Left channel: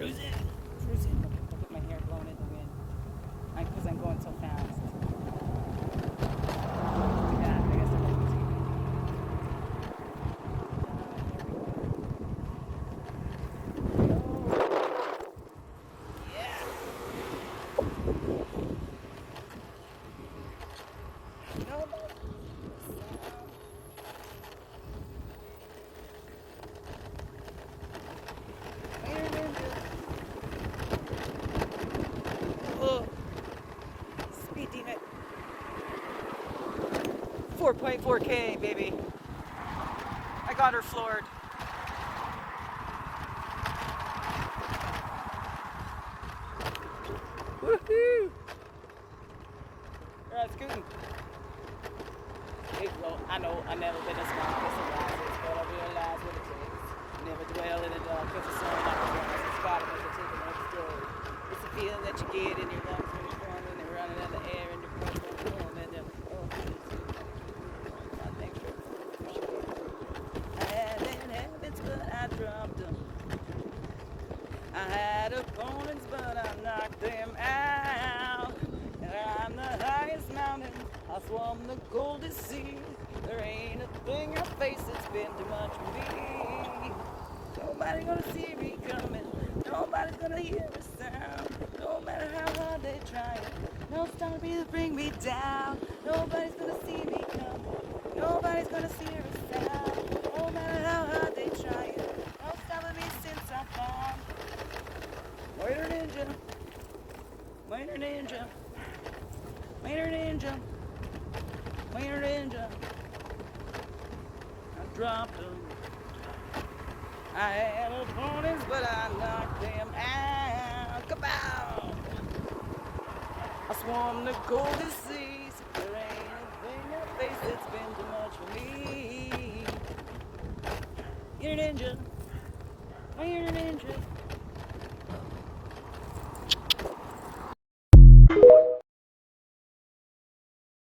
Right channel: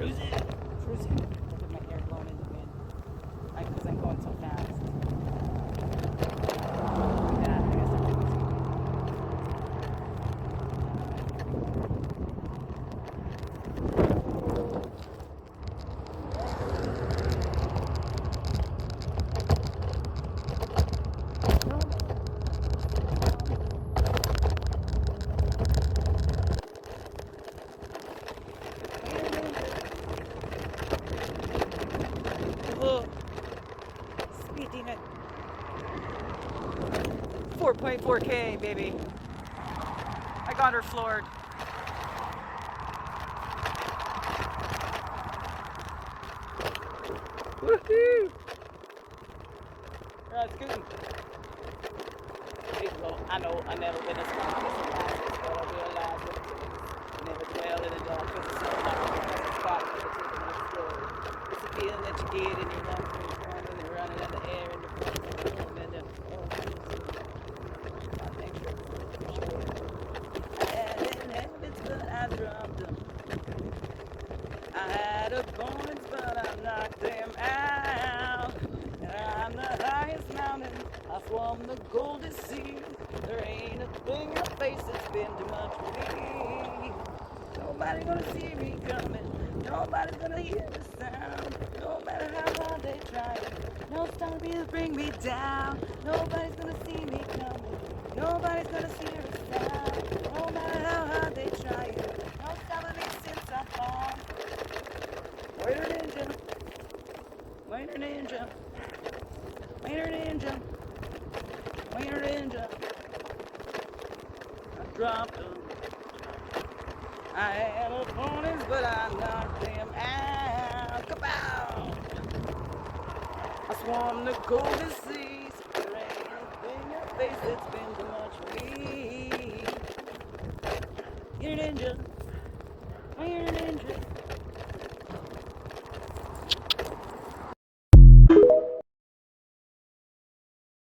Look at my hair blowing in the wind. Because I'm going so fast. Oh, speeding it. 4.4K, baby. I got her floored. Woohoo! That's good. I know I never been as strong as the rises, but I realize what it is. Never dwell in the dark because the sun rises. It's spot never take the next day. It's the feeling that you get and you run through the ground and you're running in the air and you're running and then I had them habits but I dropped them. I had opponents but I knocked them out. I'm the highest mountain, I swam the golden sea. There ain't a thing in my face that's been too much for me. Nobody's gonna see me coming, nobody's gonna hear the sound. No matter how hard they try it, no stopping to bring me down. Nobody's gonna see me coming, nobody's gonna hear the sound. No matter how hard they try it, no stopping me since I found. Waiter ninja, waiter ninja, waiter ninja, waiter ninja. I dropped them. I had opponents, but I knocked them out. Kapow! I swam the golden seas. There ain't a thing in your face that's been too much for me. You're a ninja. You're a ninja.